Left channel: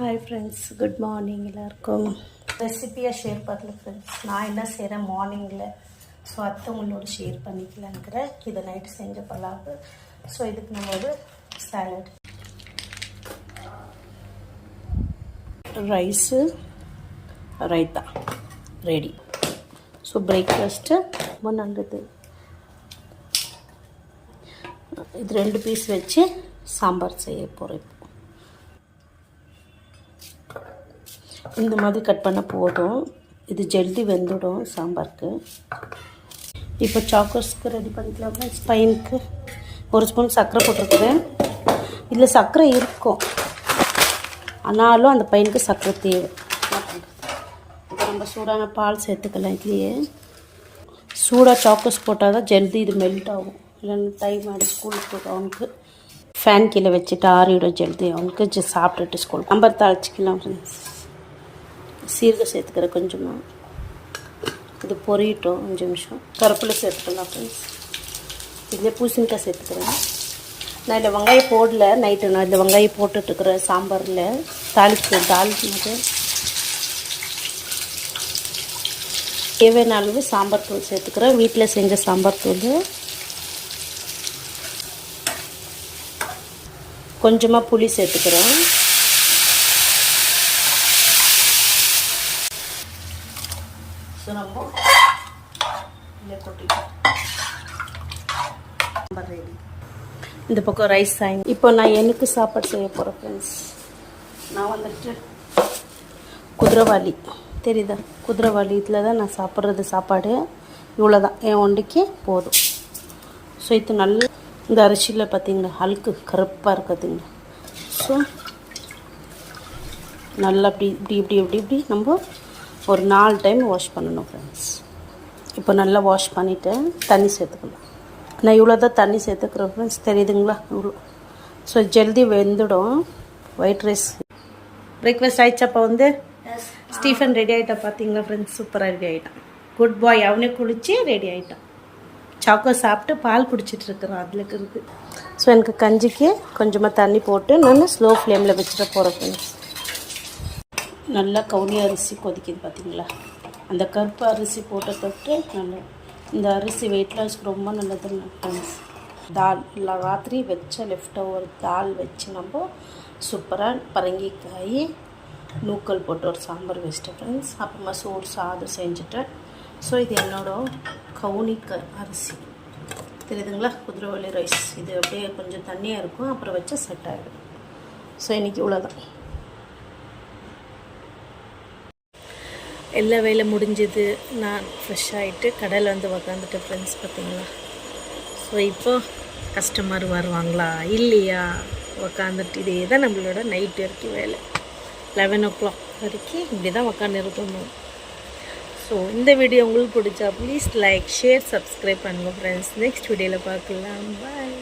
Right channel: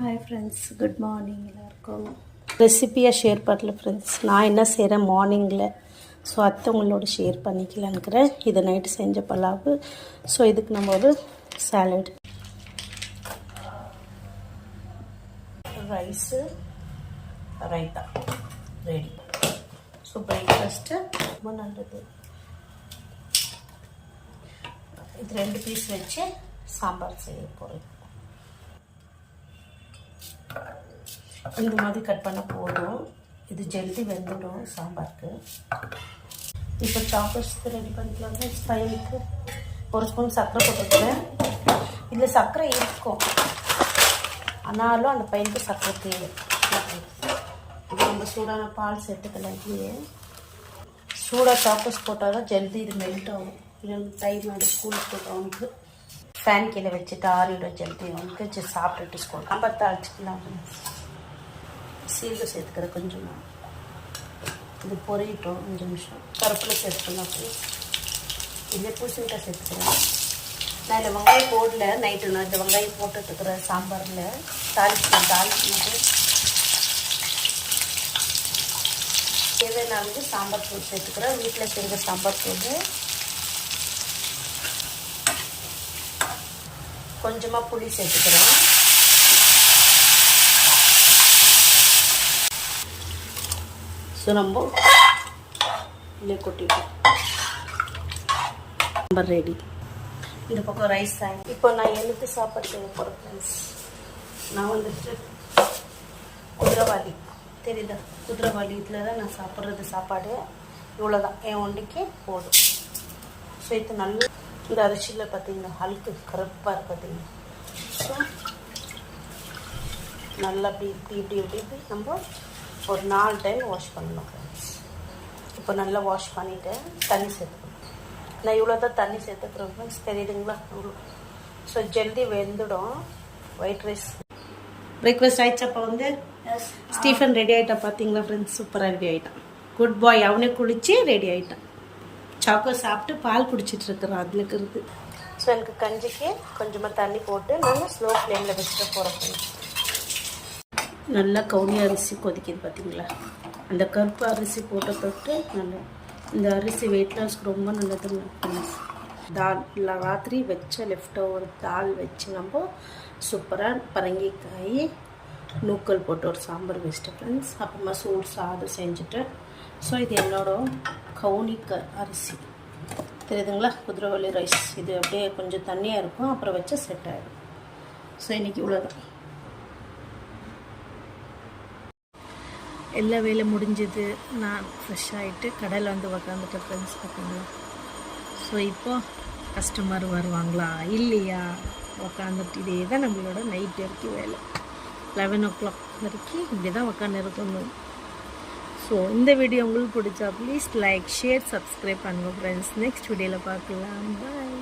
Hi friends, good morning. எல்லாருக்கும் ரெசிப்பியாக share பண்ணல friends. நான் என்ன செய்கிறேன் மார்னிங்கில், ஸோ உங்களோட ஷேர் பண்ணிக்கலான்னுக்கிறேன். இதை நைட்டு செஞ்ச பலாவு. ஸோ இதுக்கு நம்ம ஒரு salad, rice, raita ready. So breakfast ரொம்ப நல்லது. இது 2 பீஸ் வச்சு சாம்பார் செய்ய போகிறேன். இந்த மாதிரி கட் பண்ண போதும், இது ஜல்தி வெந்துடும் சாம்பாருக்கு. இப்போ சாக்கோஸ்க்கு ரெடி பண்ணிக்கலாம். பையனுக்கு 1 ஸ்பூன் சர்க்கரை போட்டிருக்கேன். இதில் சர்க்கரை இருக்கும், ஆனாலும் அந்த பையனுக்கு சர்க்கரை தேவை. இப்போ நம்ம சூடான பால் சேர்த்துக்கலாம். இதுலேயே சூடாக சாக்கோஸ் போட்டால் தான் ஜல்தி இது மெல்ட் ஆகும். இல்லைன்னா டைம் ஆகிடும் ஸ்கூலுக்கு போட்டு அவனுக்கு. ஃபேன் கீழே வச்சுட்டு ஆறிடும் ஜல்தி அவனுக்கு. சாப்பிட்டுட்டு ஸ்கூல் நம்பர் தாளிச்சிக்கலாம். சீரகம் சேர்த்துக்கிறேன் கொஞ்சமாக. இது பொரியட்டும் 5 நிமிஷம். கருப்பில் சேர்த்துக்கலாம் ஃப்ரெண்ட்ஸ். இதில் பூசணிக்காய் சேர்த்துக்கிறேன். நான் இதில் வெங்காயம் போடல. நைட்டு நான் இதில் வெங்காயம் போட்டுட்ருக்குறேன் சாம்பாரில். தாளிச்சிட்டு தேவையான அளவு சாம்பார் தூள் சேர்த்துக்கிறேன். வீட்டில் செஞ்ச சாம்பார் தூள். கொஞ்சமாக புளி சேர்த்துக்கிறேன். ஸோ நம்ம இதில் கொட்டிட்டோம். சாம்பார் ரெடி. இந்த பக்கம் ரைஸ் ஆகி. இப்போ நான் எனக்கு சாப்பாடு செய்ய போகிறேன் ஃப்ரெண்ட்ஸ். நான் வந்துட்டு குதிரைவாலி தெரியுதா, குதிரைவாலி இதில் தான் நான் சாப்பிட்றது சாப்பாடு. இவ்வளோ தான் என் ஒண்டிக்கு போதும். ஸோ இது நல்ல இந்த அரிசியில் பார்த்தீங்கன்னா அழுக்கு கருப்பாக இருக்குதுங்க. ஸோ நல்லா இப்படி நம்ம ஒரு 4 டைம் வாஷ் பண்ணணும் ஃப்ரெண்ட்ஸ். இப்போ நல்லா வாஷ் பண்ணிவிட்டு தண்ணி சேர்த்துக்கணும். நான் இவ்வளோ தான் தண்ணி சேர்த்துக்கிறேன் ஃப்ரெண்ட்ஸ், தெரியுதுங்களா இவ்வளோ. ஸோ ஜல்தி வெந்துடும். ஒயிட் ரைஸ் பிரேக்ஃபாஸ்ட் ஆகிடுச்சு. அப்போ வந்து ஸ்டீஃபன் ரெடி ஆகிட்டான் பார்த்தீங்களா ஃப்ரெண்ட்ஸ். சூப்பராக ரெடி ஆகிட்டான். குட் பாய். அவனே குளித்து ரெடி ஆகிட்டான். சாக்கோ சாப்பிட்டு பால் குடிச்சிட்டு இருக்கிறான் அதில் இருக்கிறது. ஸோ எனக்கு கஞ்சிக்கு கொஞ்சமாக தண்ணி போட்டு நான் ஸ்லோ ஃப்ளேமில் வச்சுட்டு போகிறேன் ஃப்ரெண்ட்ஸ். நல்லா கவுனி அரிசி கொதிக்குது பார்த்தீங்களா. அந்த கருப்பு அரிசி போட்ட தொட்டு நல்லா. இந்த அரிசி வெயிட் லாஸ்க்கு ரொம்ப நல்லது ஃப்ரெண்ட்ஸ். தால் ராத்திரி வச்ச லெஃப்ட் ஓவர் தால் வச்சு நம்ம சூப்பராக பரங்கிக்காய் நூக்கல் போட்டு ஒரு சாம்பார் வச்சிட்டேன் ஃப்ரெண்ட்ஸ். அப்புறமா சோறு சாதம் செஞ்சுட்டேன். ஸோ இது என்னோட கவுனி அரிசி தெரியுதுங்களா, குதிரைவாலி ரைஸ். இது அப்படியே கொஞ்சம் தண்ணியாக இருக்கும், அப்புறம் வச்சா செட் ஆகிடும். ஸோ இன்றைக்கி இவ்வளோதான். எல்லா வேலை முடிஞ்சது. நான் ஃப்ரெஷ் ஆகிட்டு கடையில் வந்து உக்காந்துட்டேன் ஃப்ரெண்ட்ஸ் பார்த்தீங்களா. ஸோ இப்போது கஸ்டமர் வருவாங்களா இல்லையா உக்காந்துட்டு இதே தான் நம்மளோட நைட் வரைக்கும் வேலை. 11 o'clock வரைக்கும் இப்படி தான் உக்காந்து இருக்கணும். ஸோ இந்த வீடியோ உங்களுக்கு பிடிச்சா ப்ளீஸ் லைக், ஷேர், சப்ஸ்கிரைப் பண்ணுங்கள் ஃப்ரெண்ட்ஸ். நெக்ஸ்ட் வீடியோவில் பார்க்கலாம். பாய்.